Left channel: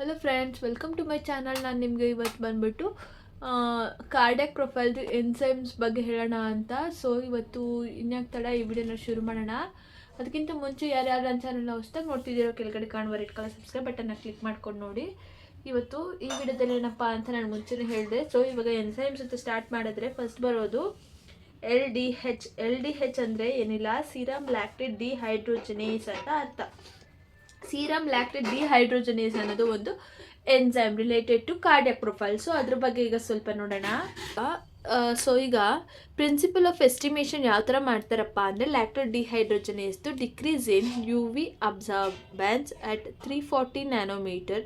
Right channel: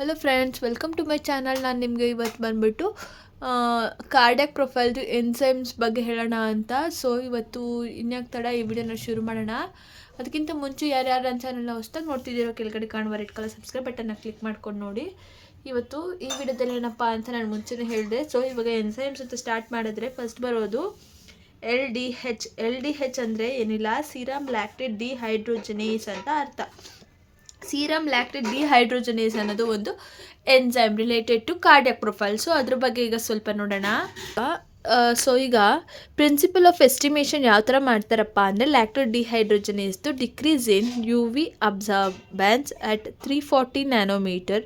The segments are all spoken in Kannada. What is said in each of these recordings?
Hello friends, welcome to my channel. ನಾನು ನಿಮಗೆ ಇವತ್ತು ಬಂದುಬಿಟ್ಟು ಕಾರ್ಡಿಯಾಕ್ ಪ್ರೊಫೈಲ್ದು ಎನ್ಸೈಮ್ಸ್ ಬಗ್ಗೆ ಹೇಳೋಣ ಅಂತ. ಸೊ ಇವತ್ತು ಇನ್ಯಾಕೆ ತಡ, ಈ ವಿಡಿಯೋನ ಶುರು ಮಾಡೋಣ. ಅದಕ್ಕಿಂತ ಮುಂಚೆ ಯಾರ್ಯಾರು ನನ್ನ ಚಾನಲ್ನ ಹೊಸ್ದಾಗಿ ನೋಡ್ತಿದ್ದೀರೋ ಕೆಳಗಡೆ ಕಾಣುವ ರೆಡ್ ಕಲರ್ ಸಬ್ಸ್ಕ್ರೈಬ್ ಬಟನ್ನ ಕ್ಲಿಕ್ ಮಾಡ್ಕೊಂಡು ನೋಡಿ. ಇವತ್ತು ಈ ವಿಡಿಯೋದಲ್ಲಿ ಏನಪ್ಪ ಅಂತ ನಾನು ಮುಂಚೆನೇ ಹೇಳಿದೆ. ಸೊ ಇವಾಗ ಎನ್ಸೈಮ್ಸ್ ಅಂತ ಸ್ಟಾರ್ಟ್ ಮಾಡಿದ್ರೆ ಫಸ್ಟ್ ಬರೋದು LDH. LDH ಅಂದರೆ ಏನಿಲ್ಲ, ಸೀರಮ್ ಲ್ಯಾಕ್ಟೇಟ್ ಡಿಹೈಡ್ರೋಜನೇಸ್ ಅಂತ ಅರ್ಥ. ಸೀರಮ್ ಲ್ಯಾಕ್ಟೇಟ್ ಡಿಹೈಡ್ರೋಜನೇಸ್ ಅನ್ನೋದು ಒಂದು enzyme related to cardiac profile. So ಅದ್ರ ಬಗ್ಗೆ ಈಗ ಸ್ವಲ್ಪ ನೋಡೋಣ. ಸೊ ಈಗ ಪ್ರಿನ್ಸಿಪಲ್ ಆಫ್ ಎಸ್ಟಿಮೇಷನ್ ಯಾವ ಥರ ಮಾಡ್ತಾರಪ್ಪ ಅಂದರೆ, ಲ್ಯಾಕ್ಟೇಟ್ ಡಿಹೈಡ್ರೋಜನೇಸ್ದು decrease in UV absorbance at 340 nanometre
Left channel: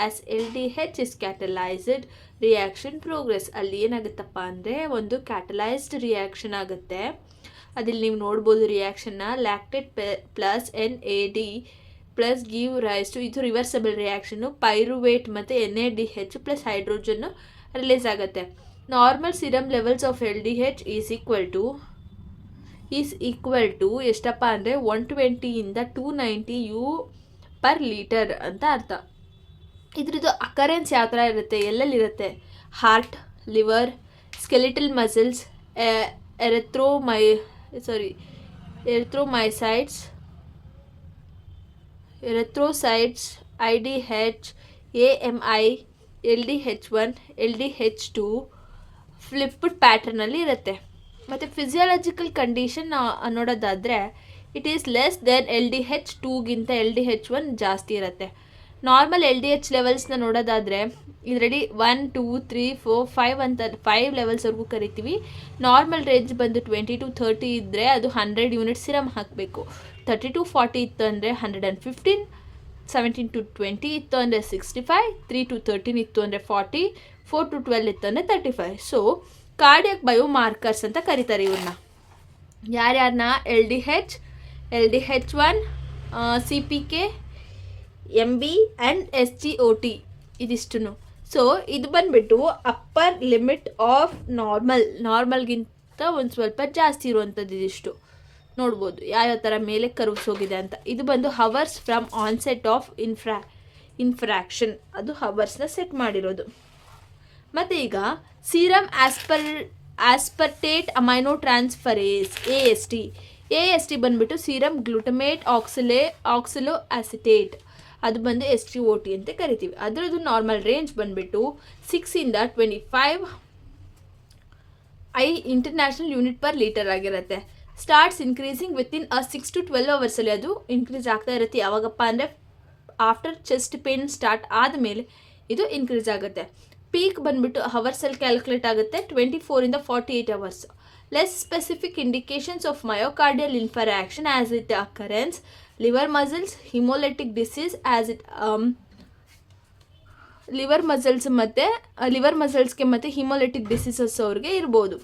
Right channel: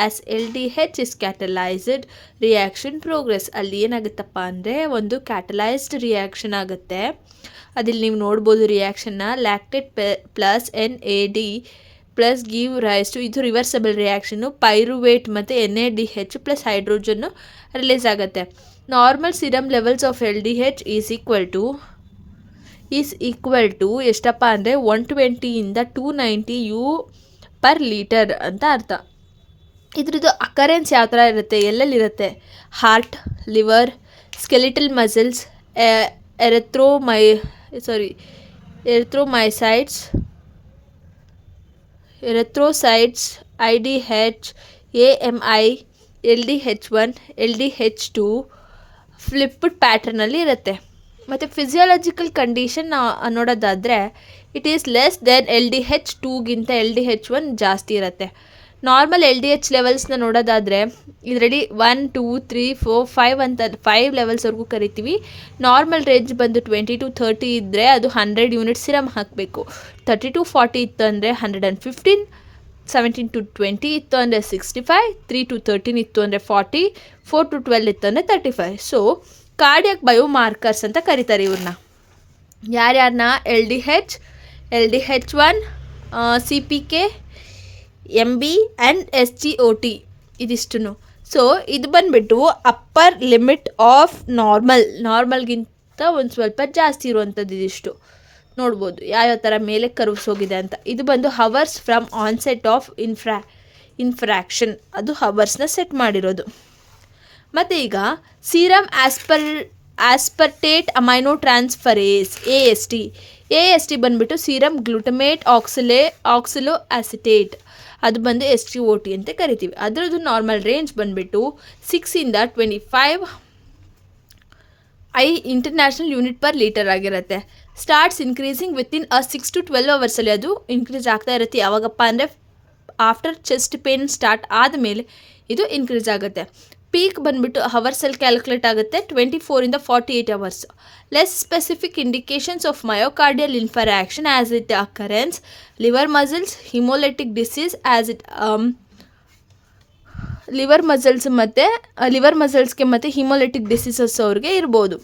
as LDH is catalysed reaction progress. ಅಲ್ಲಿ ಏನಾಗುತ್ತಪ್ಪ ಅಂದರೆ, ಒಂದು ಕ್ಯಾಟಲೈಸ್ಡ್ ರಿಯಾಕ್ಷನ್ ಆಗುತ್ತೆ. ಅದಿಲ್ಲಿ ನೀವು ನೋಡ್ಬೋದು ರಿಯಾಕ್ಷನ್ನ. Lactate plus NAD plus give rise to, ಇದು ರಿವರ್ಸಬಲ್ ರಿಯಾಕ್ಷನ್ನು. ಪೈರುವೇಟ್ ಮತ್ತು NADH ಪ್ಲಸ್ ಹೈಡ್ರೋಜನ್ನು ರಿಲೀಸ್ ಆಗುತ್ತೆ. Normal serum levels of LDH is equal to ಎಷ್ಟಪ್ಪ ಅಂದರೆ 120ಇಂದ 290 U/L ಅಂತ ಅರ್ಥ. ಇದ್ರದ್ದು ಅಕರೆನ್ಸ್ ಯಾವ ಥರ ಇರುತ್ತೆ, ಎಲ್ಲೆಲ್ಲಿರುತ್ತೆ? Heart, liver, skeletal muscles, erythrocytes, IDH, AMI, LDH1, LDH2 flipped ಪ್ಯಾಟರ್ನಲ್ಲಿ ಇರುತ್ತೆ. ಮತ್ತು ಫಿಸಿಯಾಲಜಿಕಲ್ ಕಂಡೀಷನ್ ನೋಡೋದಾದರೆ, ಇಟ್ ಈಸ್ ಲೆಸ್ ದೆನ್ LDH2ಗಿಂತ LDH1 ಜಾಸ್ತಿ ಇರುತ್ತೆ. ನಾರ್ಮಲ್ LDH ಲೆವೆಲ್ಸ್ನ ನೋಡೋದಾದರೆ ಇದರಲ್ಲಿ 1, 2, 3, 4, 5 ಅಂತ 5 ಲೆವೆಲ್ಸ್ವರೆಗೂ ಕರಿತೀವಿ. ನಾರ್ಮಲ್ ರೇಂಜ್ ಬಂದು 20 to 30 ಇದ್ದರೆ ಅದು 100 ಯೂನಿಟ್ ಸಿರಮ್ ಹಾಕಬೇಕು. 30 to 40 ಇತ್ತು ಅಂದರೆ 115, 17 to 20 ಇತ್ತು ಅಂದರೆ 65, 3 to 13 ಇತ್ತು ಅಂದರೆ 40, 4 to 12 ಇತ್ತು ಅಂದರೆ 35. ಸೊ ಕಾರ್ಡಿಯಾಕ್ ಬಯೋಮಾರ್ಕರ್ಸ್ ಅಂತ ಕರೀತಾರೆ ಇವ್ರನ್ನ. ಯಾರ್ಯಾರನ್ನ? LDH, LDH1, CPK, MB and SGOT, ಇದಿಷ್ಟು. ಸೊ ಇದು ಬಂದುಬಿಟ್ಟು ಅಪ್ಪರ್ ಲಿಮಿಟ್ ಆಫ್ ನಾರ್ಮಲ್ಗಿಂತ ಒಂದು ಸ್ವಲ್ಪ ಜಾಸ್ತಿ ಇರುವಂಥದ್ದು. ಇದಿಷ್ಟು ನೋಡ್ಬೋದು ಯಾವ್ಯಾವ ಥರ ಮೇಲೆ ಕರ್ವ್ಸ್ ಹೋಗಿದೆ ಅಂತ. ಇದು ಬಂದು ಹವರ್ಸ್ ಫ್ರಮ್ ಆನ್ಸೆಟ್ ಆಫ್ ಇನ್ಫ್ರಾಕ್ಷನ್, ಅದು ಹವರ್ಸ್ನ ಸೆಟ್ ಮಾಡಿರೋದು. ಮತ್ತು ಈಗ ಸೀರಮ್ ಆಸ್ಪರ್ಟೇಟ್ ಅಮೈನೋ ಟ್ರಾನ್ಸ್ಫರೇಸ್ AST ಬಂದುಬಿಟ್ಟು ಸೀರಮ್ ಗ್ಲೂಟಮೇಟ್ ಆಕ್ಸಿಲೋ ಅಸಿಟೇಟ್, ಅದು ಬಂದು SGOT ಅಂತ ಕರಿತೀವಿ. ಅದರದ್ದು ನಾರ್ಮಲ್ ರೇಂಜ್ ಬಂದುಬಿಟ್ಟು 6ಇಂದ 25 ಇಂಟರ್ನ್ಯಾಷನಲ್ ಯೂನಿಟ್/ಲೀಟರ್ ಆಗಿರುತ್ತೆ. ಸ್ಟಾರ್ಟ್ಸ್ ಇನ್ಕ್ರೀಸಿಂಗ್ ವಿತಿನ್ 6 to 12 ಅವರ್ಸಲ್ಲಿ ಅದು ಇನ್ಕ್ರೀಸ್ ಆಗ್ತಾ ಇರುತ್ತೆ. ಯಾವಾಗಪ್ಪ ಅಂದರೆ ಆಫ್ಟರ್ ಚೆಸ್ಟ್ ಪೇನ್ ಸ್ಟಾರ್ಟ್ ಆದಮೇಲೆ ಇದು ಇನ್ಕ್ರೀಸ್ ಆಗುತ್ತೆ. ಪೀಕ್ ಬಂದುಬಿಟ್ಟು ಹವರ್ಸಲ್ಲಿ ಕ್ಯಾಲ್ಕುಲೇಟ್ ಆಗುತ್ತೆ, 24ಇಂದ 48 hours. Less specific indications of myocardial infarction as it occurrence liver muscles, haemolytic disease as it liver ಮಸಲ್ಸ್ಗೆ ಮತ್ತು ಹಿಮೋಲೆಟಿಕ್ ಡಿಸೀಸಸ್ ಅವ್ರಿಗೆ ಇರ್ಬೋದು.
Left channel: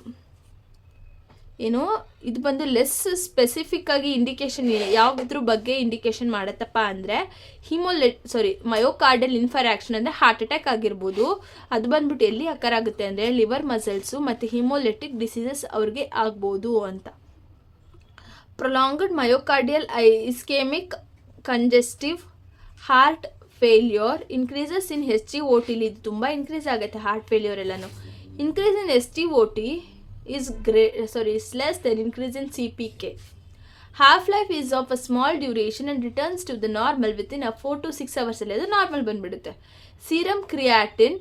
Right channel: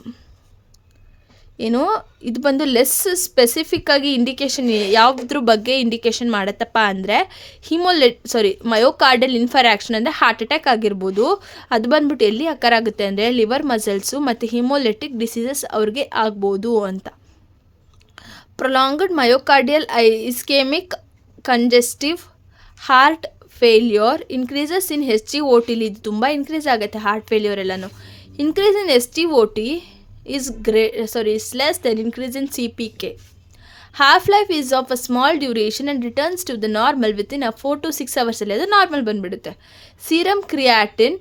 ಏನು ಇದು ಬಂದು ಲೆಸ್ ಸ್ಪೆಸಿಫಿಕ್ ಆಗಿ ಇಂಡಿಕೇಶನ್ ಯಾವುದ್ರ ಬಗ್ಗೆ ಇಂಡಿಕೇಶನ್ ಮಾಡುತ್ತಪ್ಪ ಅಂದರೆ, ಮಯೋಕಾರ್ಡಲ್ ಇನ್ಫರಾಕ್ಷನ್ ಅಂದರೆ ಹಾರ್ಟ್ ಅಟ್ಯಾಕ್ ಆಗಿರ್ಬೋದು. ಅದು ಬಂದ್ಬಿಟ್ಟು ಎಲ್ಲಿ ಅಕ್ಕರ್ ಆಗುತ್ತೆ ಅಂದರೆ ಲಿವರ್ ಮಸಲ್ಸು ಮತ್ತು ಹಿಮೋಲೆಟಿಕ್ ಡಿಸೀಸಸ್ ಅವ್ರಿಗೆ ಆಗ್ಬೋದು ಅಂತ. Prolonged myocardial ischaemic congestive heart failure increases in SGOT. ಇದು ತುಂಬ ಇನ್ಕ್ರೀಸ್ ಆಗುತ್ತೆ ಹಾರ್ಟ್ ಫೇಲ್ಯೂರ್ ಎಲ್ಲನೂ. Increase in SGOT is less than increase in CPK. Half-life is of a small duration and returns to the normal within 4 to 6 hours ಅಲ್ಲಿ ಅದು ನಾರ್ಮಲ್ ಬಂದುಬಿಡುತ್ತೆ. ಸೀರಮ್ ಕ್ರಿಯಾಟಿನ್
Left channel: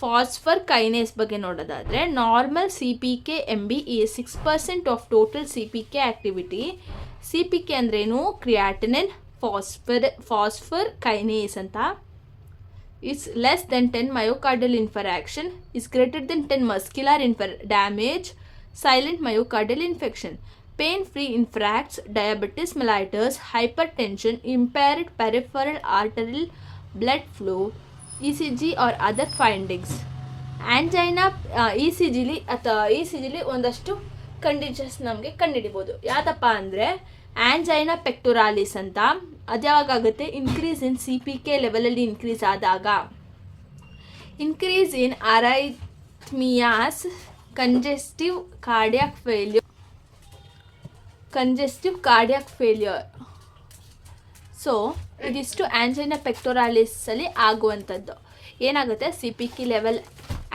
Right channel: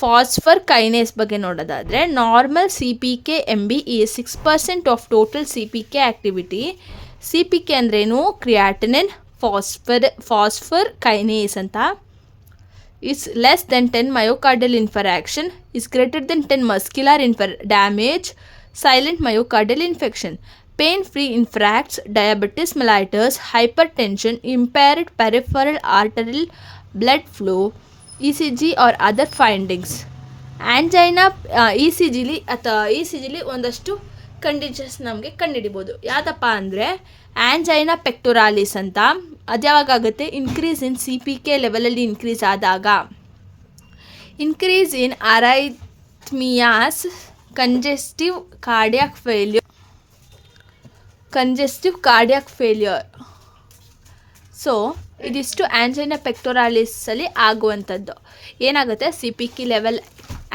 ಫಾಸ್ಫರ್ ಕೈನೇಸ್ ಬಗ್ಗೆ ನೋಡೋದಾದರೆ, normal CPK MB is 6% of total CPK activity. CPK ಅಂದ್ರೇನು? ಕ್ರಿಯಾಟಿನಿನ್ ಫಾಸ್ಫರ್ ಕೈನೇಸ್ ಅಂತ. is less than 10 myocardial infarction, is greater than 10 muscular damage, silent myocardial infection, pain-free infarcts, diabetes mellitus, hypertension, impaired peripheral arterial blood flow, ECG or other findings. Angina ECGಲಿ ಒಂದಷ್ಟು ಕಂಡೀಷನ್ಸ್ ನಮಗೆ ಕಂಡುಹಿಡಿಬೋದು. ಯಾವುದಪ್ಪ ಅಂದರೆ ಆ್ಯಂಜೈನಾ ಪೆಕ್ಟೊರಾಲಿಸ್ ಅಂತ. ಅದು ಯಾವಾಗುತ್ತೆ? ಇನ್ಕ್ರೀಸ್ ಇನ್ CPK ಲೆವೆಲಲ್ಲಿ ಇನ್ಕ್ರೀಸ್ ಆದಾಗ. Increase in arrhythmias, congestive cardiac failure. So so ಇದಿಷ್ಟು ಆಂಜೈನಾ ಪೆಕ್ಟೋರಾಲಿಸಲ್ಲಿ ಆಗುವಂಥದ್ದು. ಏನಾಗುತ್ತೆ, C P K level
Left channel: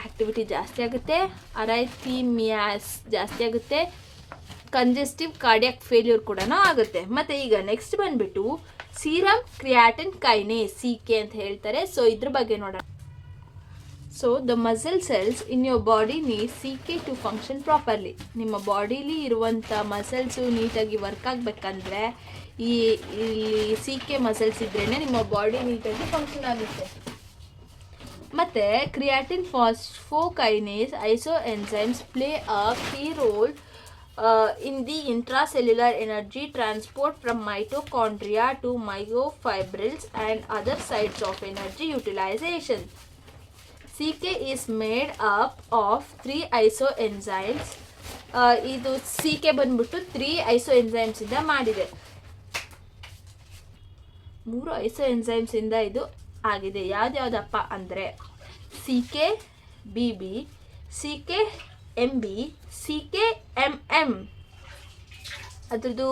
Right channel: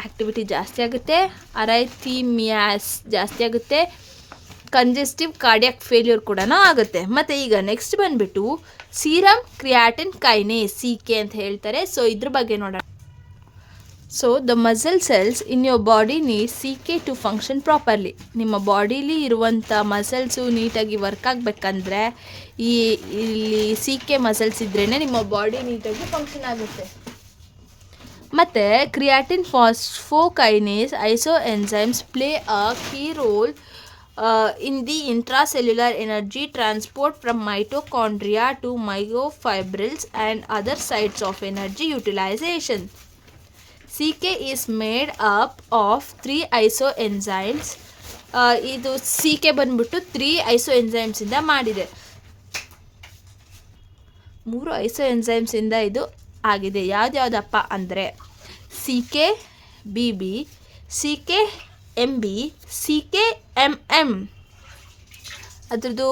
activity ಜಾಸ್ತಿ ಆಗುತ್ತೆ, ಅರೈಥಿಮಿಯಾಸ್ ಜಾಸ್ತಿ ಆಗುತ್ತೆ, ಕಂಜೆಸ್ಟಿವ್ ಕಾರ್ಡಿಯಾಕ್ ಫೇಲ್ಯೂರ್ ಕೂಡ ಆಗುತ್ತೆ. ಮತ್ತು ಈಗ ನೆಕ್ಸ್ಟ್ ಬಂದುಬಿಟ್ಟು serum creatine kinase, C K ಅಂತ ಹೇಳ್ತಾರೆ. ಸೊ ಇದ್ರ ಬಗ್ಗೆ ನೋಡೋಣ. So the muscle cells in your body need C K to function properly. ನಿಮ್ಮ ಬಾಡೀಲಿ ಇರುವಂಥ ಮಸಲ್ಸು ನೀಟಾಗಿ ವರ್ಕ್ ಆಗಬೇಕಂದ್ರೆ ಇಲ್ಲಿ ಸಿ ಕೆ ಮಸಲ್ಸ್ ಇದ್ರೇ ನಿಮ್ಮ ಬಾಡಿ ನೀಟಾಗಿ ಫಂಕ್ಷನ್ ಆಗುತ್ತೆ. ಮತ್ತು creatine phosphokinase iso enzymes play a key role in the intracellular energy transport from mitochondria to myofibrils and other sites of energy utilization. CK is made up of 3 isoenzymes. ಇದು CK ಬಂದ್ಬಿಟ್ಟು 3 isoenzymes ಇಂದ ಮಾಡಿದೆ. 3 isoenzymes ಇಂದ ಇದು ಆಗಿದೆ. ಯಾವ್ದ್ಯಾವ್ದಪ್ಪ ಅಂದರೆ CK BB, CK MB, CK MM. ಅದ್ರದ್ದು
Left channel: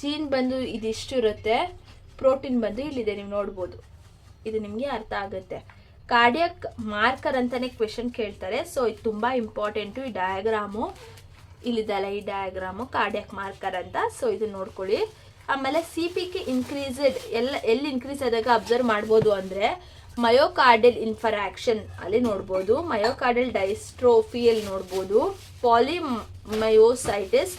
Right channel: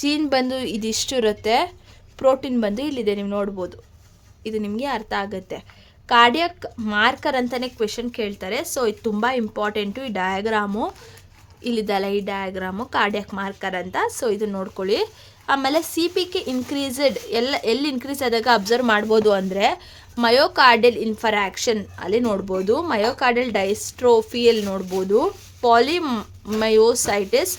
ಜೀನ್ ಬಂದು ಇದಿಷ್ಟು ಇರುತ್ತೆ, ಪ್ರೋಟೀನ್ ಬಂದು ಇಲ್ಲಿದೆ, ನೀವು ನೋಡ್ಬೋದು. ಇದು ನಿಮಗೆ ಅರ್ಥ ಆಗುತ್ತೆ. ಕಾರ್ಡಿಯಾಕ್ ಮಾರ್ಕರ್ ಅಂತಲೇ ಕ್ವೆಶನ್ ಕೇಳ್ತಾರೆ. ಸೊ ಇದು ತುಂಬ ಇಂಪಾರ್ಟೆಂಟು. ಈ ಡಯಾಗ್ರಾಮು ಇಲ್ಲಿದಲ್ಲ, ಈ ಡಯಾಗ್ರಾಮು ಕಾರ್ಡಿಯಾಕ್ ಮಾರ್ಕರ್ ಅಂತ. ಸೊ ಇದನ್ನು ನೋಡ್ಕೊಳ್ಳಿ. ಆಮೇಲೆ ಸಿ ಪಿ ಕೆ ಇನ್ಕ್ರೀಸೆಡ್ ಎಲ್ಲಿ ಇನ್ಕ್ರೀಸ್ ಆದಾಗ ಅಬ್ಸರ್ವ್ ಮಾಡ್ಬೋದು ಅಂದರೆ ಮಯೋಕಾರ್ಡಿಯಲ್ ಇನ್ಫರಾಕ್ಷನ್ ಅಲ್ಲಿ ನೋಡ್ಬೋದು, ಮಯೋಕಾರ್ಡಿಯಲ್ ಡೈಸ್ಟ್ರೋಫಿಯಲ್ಲಿ ನೋಡ್ಬೋದು, polymyositis,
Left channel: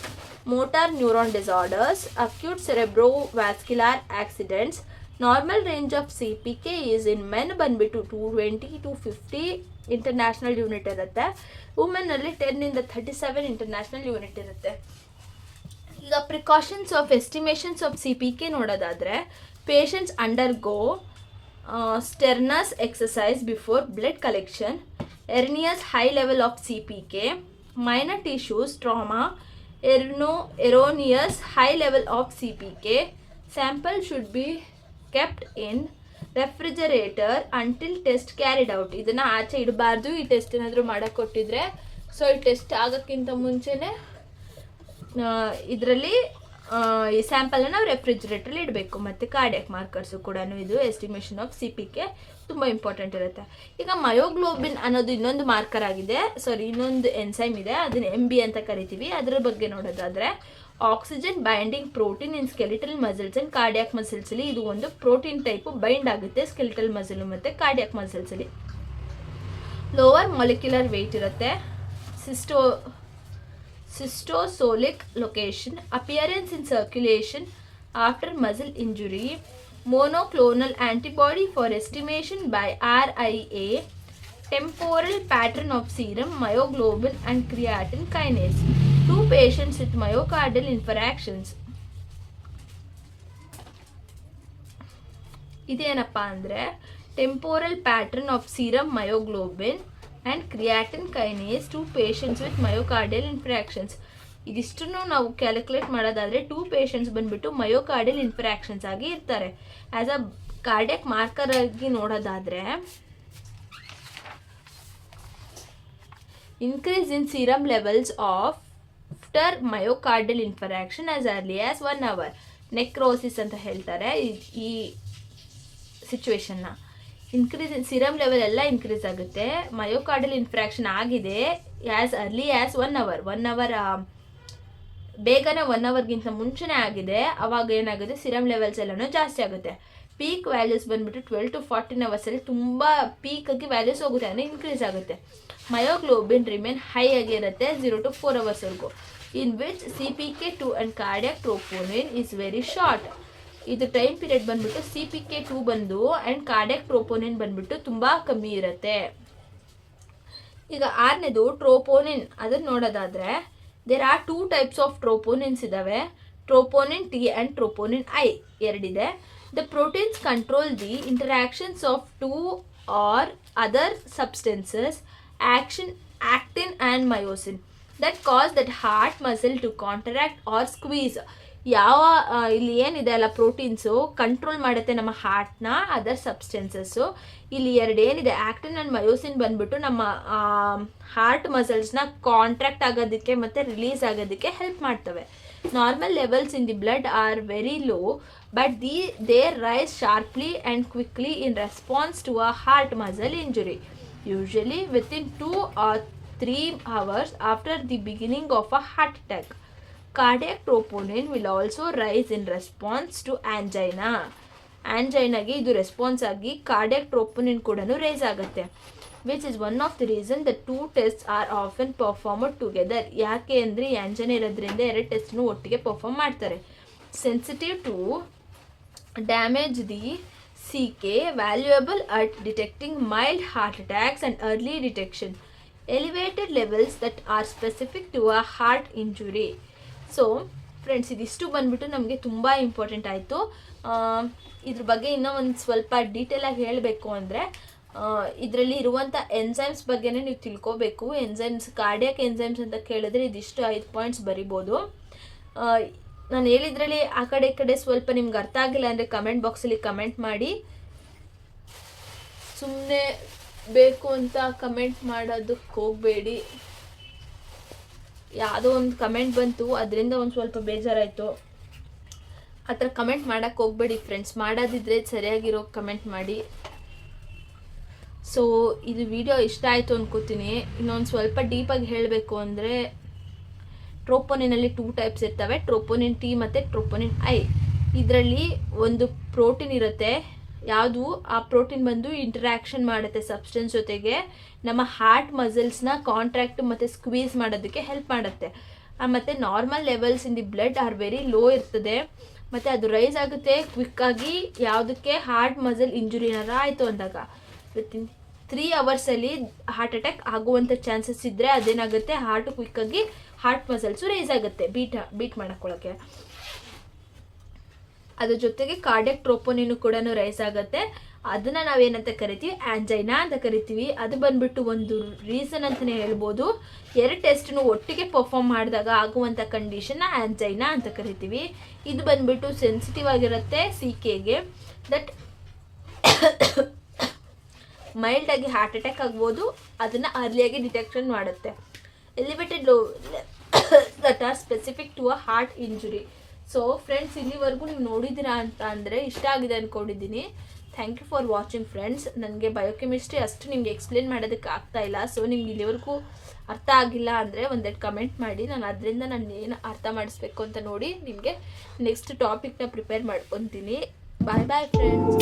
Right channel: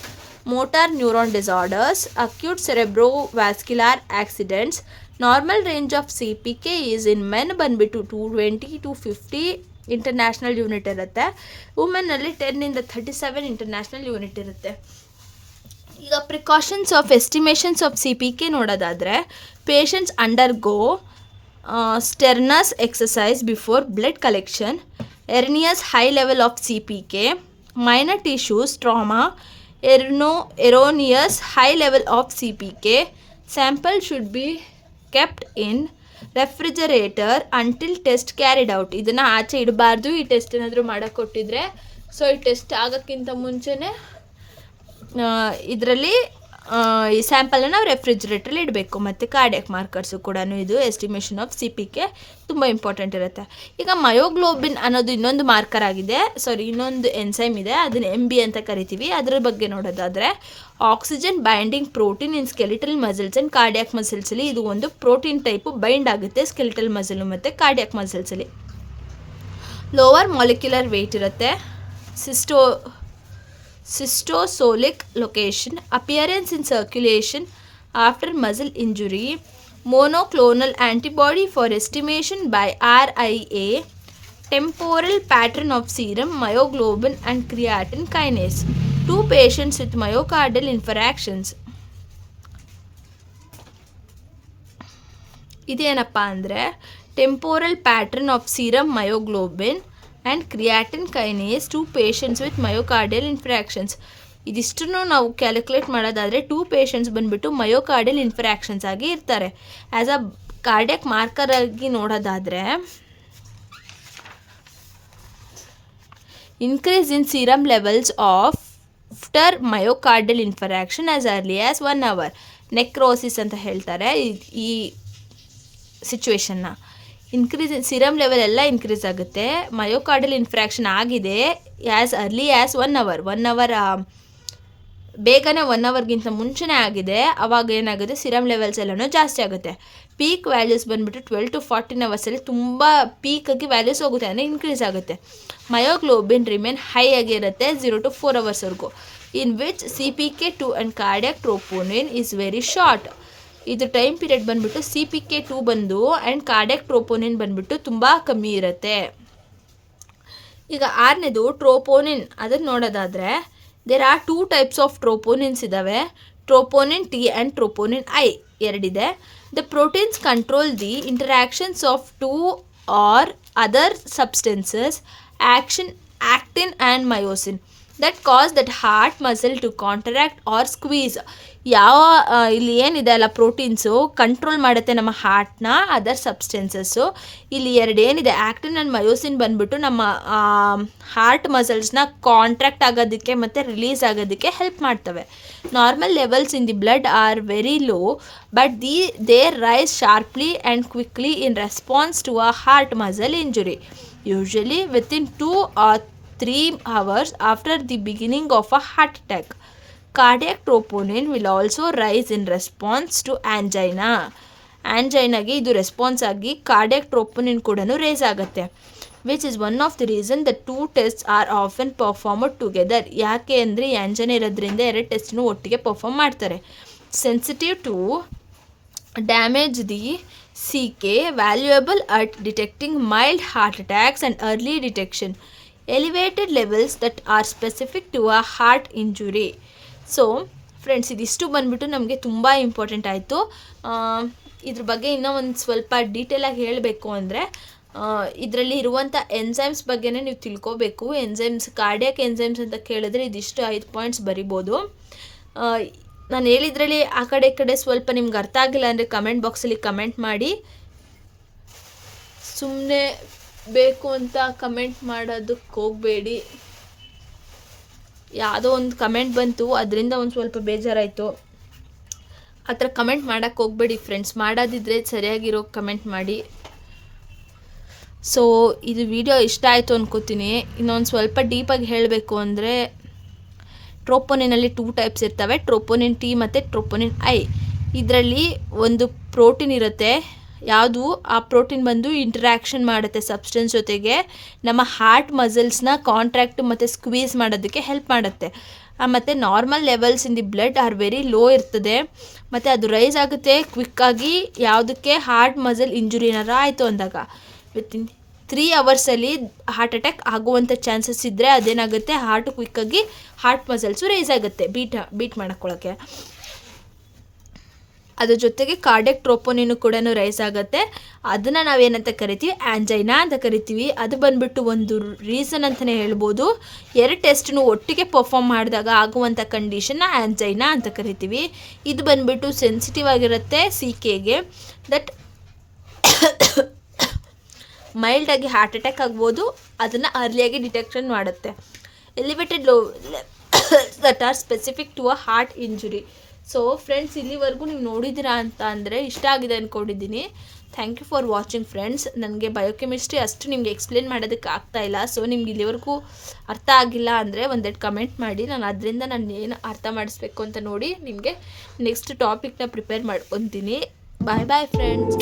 motor neuron disorders, acute cerebrovascular accidents. Normal range of C P K is in men ಬಂದುಬಿಟ್ಟು 220 to 50 ಇಂಟರ್ನ್ಯಾಷನಲ್ ಯೂನಿಟ್ ಇರುತ್ತೆ. ವುಮೆನ್ನಲ್ಲಿ 10 to 37 ಇಂಟರ್ನ್ಯಾಷನಲ್ ಯೂನಿಟ್ ಇರುತ್ತೆ. ಈಗ precautions of estimations of C P K ನೋಡೋದಾದರೆ, patients undergo sternus exercise before blood collection, erroneous high level of CPK, minor tissues trauma, erroneous high level of CPK. Sample should be kept in refrigerator until test carried out. ಇದನ್ನು ಆಚೆ ಇಡಬಾರ್ದು. ಈ ಟೆಸ್ಟ್ ಏನಾದರೂ ಮಾಡೋಕ್ಕೆ ಕೊಟ್ಟಿದ್ರೆ, ಸೊ ಈ ಟೆಸ್ಟ್ ಆಗೋಕ್ಕಿಂತ ಮುಂಚೆನೇ ಇದರಲ್ಲಿ ಈ ಸ್ಯಾಂಪಲನ್ನು ನಾವು ರೆಫ್ರಿಜರೇಟ್ರಲ್ಲಿ ಇಡಬೇಕು. ಮತ್ತು ಕಾರ್ಡಿಯಾಕ್ ಮಾರ್ಕರ್ಸು ಕೂಡ ಇದು estimation of C P K ತುಂಬ ಇಂಪಾರ್ಟೆಂಟ್ ಇರುತ್ತೆ. ಈಗ ಮಯೋಗ್ಲೋಬಿನ್ ಅನ್ನೋದು ಇನ್ನೊಂದು ಮಾರ್ಕರ್ ಆಗಿದೆ, ಇನ್ನೊಂದು ಎನ್ಸೈಮ್ ಇದೆ, ಅದನ್ನು MB ಅಂತ ಕರಿತೀವಿ. ಅದರ ಬಗ್ಗೆ ನೋಡೋದಾದರೆ, oxygen binding protein in skeletal muscles and cardiac ಮಸಲ್ಸಲ್ಲಿ ಇದು ಒಂದು ಪ್ರೋಟೀನ್ ಟೈಪು ಬೈಂಡ್ ಆಗುತ್ತೆ ಸ್ಕೆಲಿಟಲ್ ಮಸಲು ಮತ್ತು ಕಾರ್ಡಿಯಾಕ್ ಮಸಲ್ಸಲ್ಲಿ. ಲೋವರ್ ಮಾಲಿಕ್ಯುಲರ್ ವೆಯ್ಟ್ ಇರುತ್ತೆ. Cystosolic location, appearance in circulation after muscle injury, monoclonal antibody for estimation by RIA, temporal pattern of serum, myoglobin and creatine kinase. 2 patients with myocardial infarctions. ಇದೇನಪ್ಪ ಅಂದರೆ temporal pattern of serum myoglobin and creatine kinase 2 patients with myocardial infarctions. ಇದಿಷ್ಟನ್ನು ನಾವು ಕ್ಯಾಲ್ಕುಲೇಟ್ ಮಾಡೋದಾದರೆ 2 patients ಬಂದುಬಿಟ್ಟು ಮಯೋಕಾರ್ಡಿಯಲ್ ಇನ್ಫ್ರಾಕ್ಷನ್ಸ್ ಆಗಿ ಇರ್ತಾರೆ. ಆ್ಯಸ್ ಅ ಕಾರ್ಡಿಯಾಕ್ ಮಾರ್ಕರ್ ಆಗಿ ನೋಡೋದಾದರೆ, increase in serum levels after myocardial infarction as early as 1 hour. Necrosis ಅಂತ ಹೇಳ್ತಾರೆ ಈ ಸಿಚುವೇಶನ್ನ. ಇನ್ಕ್ರೀಸ್ ಸಿರಮ್ ಲೆವೆಲ್ ಎಲ್ಲ ಇನ್ಕ್ರೀಸ್ ಆಗುತ್ತೆ. ಮಯೋಕಾರ್ಡಿಯಲ್ ಇನ್ಫ್ರಾಕ್ಷನ್ ಆಗಿದೆ as early as 1 hour. 1 hour ಬೇಗನೆ 1 hourಗಿಂತ ಮುಂಚೆನೇ ಆಗಿದೆ. ಅವಾಗ ಏನಾಗುತ್ತೆ, ಸಿರಮ್ ಲೆವೆಲ್ಸ್ ಎಲ್ಲನೂ ಜಾಸ್ತಿ ಆಗುತ್ತೆ. ಪೀಕ್ ವ್ಯಾಲ್ಯೂಸ್ ಬಂದುಬಿಟ್ಟು 12 to 14 hours ತುಂಬ ಪೀಕಾಗಿ ವ್ಯಾಲ್ಯೂಸ್ ಹೋಗುತ್ತೆ, ಅಂದರೆ ಇನ್ಕ್ರೀಸ್ ಆಗುತ್ತೆ. ಮಯೋಗ್ಲೋಬಿನ್ ರಿಮೇನ್ ಹೈ ಆಗಿರುತ್ತೆ 0 to 4 hours in which CPK2 and cardiac troponin is very short. ಇದು ಟೈಮ್ ಪೀರಿಯಡ್ ಬಂದುಬಿಟ್ಟು CPK2 ಬಂದು ಆ್ಯಂಡ್ ಕಾರ್ಡಿಯಾಕ್ ಟ್ರೋಪೋನಿನ್ ಬಂದುಬಿಟ್ಟು ತುಂಬ ಕಮ್ಮಿ ಇರುತ್ತೆ. ಈಗ 6ನೇದು ಟ್ರೋಪೋನಿನ್. ಅದನ್ನು ನೋಡೋದಾದರೆ, there are 2 types of troponins ಇದ್ದಾವೆ. Troponin T and troponin I ಎರಡಿದೆ. The proteins control the interactions of 2 or other substances, actin and myosin, that cause that heart muscle to contract or squeeze. ಇಲ್ಲಿ ಏನಿದೆ ಅಲ್ಲ ಪ್ರೋಟೀನ್ಸು ಕಂಟ್ರೋಲ್ ಮಾಡುತ್ತೆ ನಮ್ಮ ಹಾರ್ಟ್ನ ಅದರ್ ಸಬ್ಸ್ಟೆನ್ಸಸ್ಸು. ಇಲ್ಲಿ ಏನಿದೆ ಆ್ಯಕ್ಟಿನ್ ಆ್ಯಂಡ್ ಮಯೋಸಿನ್ ಬಂದ್ಬಿಟ್ಟು ನಮ್ಮ ಹಾರ್ಟ್ ಮಸಲ್ಸ್ನ ಕಾಂಟ್ರಾಕ್ಟ್ ಆಗೋದಕ್ಕೆ ಮತ್ತು ರಿಲೀಸ್ ಆಗೋದಕ್ಕೆ ಹೆಲ್ಪ್ ಮಾಡ್ತವೆ. Normal levels in the blood are very low, but they rise sharply and quickly in response to a heart muscle injury, usually within 2 or 3 hours after the beginning of a heart attack. Cardiac troponin will also rise in response to angina. ಆ್ಯಂಜೈನಾಗೆ ಇದು ರೆಸ್ಪಾನ್ಸ್ ಆಗಿ ಕಾರ್ಡಿಯಾಕ್ ಟ್ರೋಪೋನಿನ್ ಕೂಡ ರೇಸ್ ಆಗುತ್ತೆ. Which is one of the reason the 2 tests R often performed together. ಯಾಕೆ ಅಂದರೆ ಈ ಆ್ಯಂಜೈನಾ ಇರೋದ್ರಿಂದ 2 ಟೆಸ್ಟ್ನು ಒಟ್ಟಿಗೆ ಪರ್ಫಾರ್ಮ್ ಮಾಡ್ತಾರೆ. Sensitive to damage the CK, valuable at detecting mild heart attacks and early detection. Elevated levels that are specific to a heart injury. So friends, ಇದಿಷ್ಟು ಬಂದ್ಬಿಟ್ಟು ನಮಗೆ ತುಂಬ ಇಂಪಾರ್ಟೆಂಟ್ ಆಯಿತು. ಇದ್ರ ಬಗ್ಗೆ ಇನ್ನೂ ಒಂದು ಸ್ವಲ್ಪ ಡೀಟೇಲಾಗಿ ಹೇಳಬೇಕು ಅಂದರೆ ಇದರಲ್ಲಿ ಇರುವಂಥ ಎನ್ಸೈಮ್ಸ್ ಬಗ್ಗೆನೇ ನೀವು ತಿಳ್ಕೋಬೇಕು. ಕಾರ್ಡಿಯಾಕ್ ಎನ್ಸೈಮ್ಸ್ ಅಂತ ಕೇಳಿದ್ರೆ ಇದಿಷ್ಟು 5 ಪಾಯಿಂಟ್ಸ್ ಬರಿಬೋದು. ನಾನು ಹೇಳಿದ್ರಲ್ಲಿ ಆ ಕಡೆ ಈ ಕಡೆ ಸ್ವಲ್ಪ ನಿಮ್ಗೆ ಅರ್ಥ ಆಗಿಲ್ಲ ಅಂದರೆ ಕಮೆಂಟ್ ಬಾಕ್ಸಲ್ಲಿ ಕಮೆಂಟ್ ಮಾಡಿ. ಸುಮ್ಮನೆ ಬೇಕು ಅಂತ ಕಮೆಂಟ್ ಮಾಡೋದಕ್ಕೆ ಹೋಗಬೇಡಿ. ಯಾವುದೋ ಒಂದು ಕಮೆಂಟ್ ಬಂತು, ಅದರಿಂದ ಒಂದು ಸ್ವಲ್ಪ ಬೇಜಾರಾಯಿತು. ಆ ಥರ ಕಮೆಂಟ್ ಮಾಡೋಕ್ಕೆ ಹೋಗಬೇಡಿ ಫ್ರೆಂಡ್ಸ್. ಮಾಡೋದಿದ್ರೆ ಸರಿಯಾಗಿರೋ ಕಮೆಂಟ್ ಮಾಡಿ. ಸೊ ಇದು ವಿಡಿಯೋ ಇಷ್ಟ ಆಯಿತು ಅನ್ಕೋತೀನಿ. ಇನ್ನೊಂದು ಸ್ವಲ್ಪ ಡೀಪಾಗಿ ಹೇಳಬೇಕು ಅಂದರೆ ಟ್ರೋಪೋನಿನಲ್ಲಿ 2 ಟೈಪ್ಸ್ ಇರ್ತವೆ, ಟ್ರೋಪೋನಿನ್ T ಮತ್ತು ಟ್ರೋಪೋನಿನ್ I. ಇದರಲ್ಲಿ ಒಂದು ಪ್ರೋಟೀನ್ ಇರುತ್ತೆ. ಯಾವುದು ಆ ಪ್ರೋಟೀನ್ ಬಂದು ಇಂಟ್ರ್ಯಾಕ್ಷನ್ ಮಾಡುತ್ತೆ ಸಬ್ಸ್ಟೆನ್ಸ್ ಜೊತೆಗೆ, ನಮ್ಮ ಹಾರ್ಟ್ ಮಸಲ್ಸ್ನ ಕಾಂಟ್ರಾಕ್ಟ್ ಮತ್ತು ಸ್ಕ್ವೀಸ್ ಮಾಡೋದಕ್ಕೆ ಹೆಲ್ಪ್ ಮಾಡುತ್ತೆ. ಮತ್ತು normal levels in the blood are very low ಇರ್ತದೆ, ಮತ್ತು ಅದು ರೈಸ್ ಆಗುತ್ತೆ ಕ್ವಿಕ್ಕಾಗಿ. ಯಾವುದಕ್ಕೆ ಹಾರ್ಟ್ ಮಸಲ್ ಇಂಜುರಿ ಏನಾರು ಆಯಿತು ಅಂದಾಗ ವಿತಿನ್ 3 hours ಹಾರ್ಟ್ ಅಟ್ಯಾಕ್ ಆಗುವಂಥ ಚಾನ್ಸಸ್ ಇದ್ದರೆ ಅದೇನಾಗುತ್ತೆ, ಹಾರ್ಟ್ ಕ್ವಿಕ್ಕಾಗಿ ಹಾರ್ಟ್ ಮಸಲ್ಸು ರೈಸ್ ಆಗುತ್ತೆ ಬೀಟ್ ಮಾಡ್ಕೊಳ್ಳೋಕ್ಕೆ. ಅದ್ರ ಜೊತೆಗೆ ಕಾರ್ಡಿಯಾಕ್ ಟ್ರೋಪೋನಿನ್ ಕೂಡ ರೈಸ್ ಆಗುತ್ತೆ. ಅದನ್ನು ನಾವೇನಂತ ಕರಿತೀವಿ, ಆ್ಯಂಜೈನಾ ಅಂತ ಕರಿತೀವಿ. ಅದು ಬಂದುಬಿಟ್ಟು ಒಂದು ರೀಸನ್ ಅಂತಲೇ ಹೇಳ್ಬೋದು. 2 ಟೆಸ್ಟ್ನು ಒಟ್ಟಿಗೆ ಪರ್ಫಾರ್ಮ್ ಮಾಡಿದಾಗ ಆಗುವಂಥ ಕಂಡೀಷನ್ನ ಆ್ಯಂಜೈನಾ ಅಂತ ಕರಿತೀವಿ. ಇದು ಬಂದುಬಿಟ್ಟು ಸೆನ್ಸಿಟಿವ್ ಆಗಿರುತ್ತೆ CKಗೆ. ದಟ್ ಮೈಲ್ಡಾಗಿ ಹಾರ್ಟ್ ಅಟ್ಯಾಕ್ ಆಗ್ಬೋದು, ಅದನ್ನು ಅರ್ಲಿಯಾಗಿ ಡಿಟೆಕ್ಷನ್ ಮಾಡುತ್ತೆ. Elevated low that are specific to a heart injury. So friends, ಇಲ್ಲಿವರೆಗೂ ನೀವು ನೋಡಿದ್ದೀರಾ ಅಂತ ಅಂದರೆ ಇಷ್ಟ ಆಗಿದೆ ಅಂದ್ಕೊಂಡಿದ್ದೀನಿ. Thank you for watching friends. ನನಗೆ ಬಯೋಕೆಮಿಸ್ಟ್ರಿ ಅಷ್ಟು ನಿಮಗೆ ಎಕ್ಸ್ಪ್ಲೇನ್ ಮಾಡೋದಕ್ಕೆ ಆಗ್ತಾಯಿಲ್ಲ. ಸೊ ನಿಮ್ಗೆ ಇಲ್ಲಿವರೆಗೂ ಅರ್ಥ ಆಗಿಲ್ಲ ಅಂದರೆ ಒಂದೆರಡು ಕಮೆಂಟ್ ಮಾಡಿ. ಅದರಿಂದ ನಾನು ಏನು ಅರ್ಥ ಮಾಡಿಸ್ಬೇಕು ಅಂತ ನೋಡಿ ನಿಮಗೆ ನೆಕ್ಸ್ಟ್ ಟಾಪಿಕ್ನ ಪ್ರಿಪೇರ್ ಮಾಡ್ಕೊತೀನಿ. ಬಾಯ್ ಬಾಯ್ ಫ್ರೆಂಡ್ಸ್.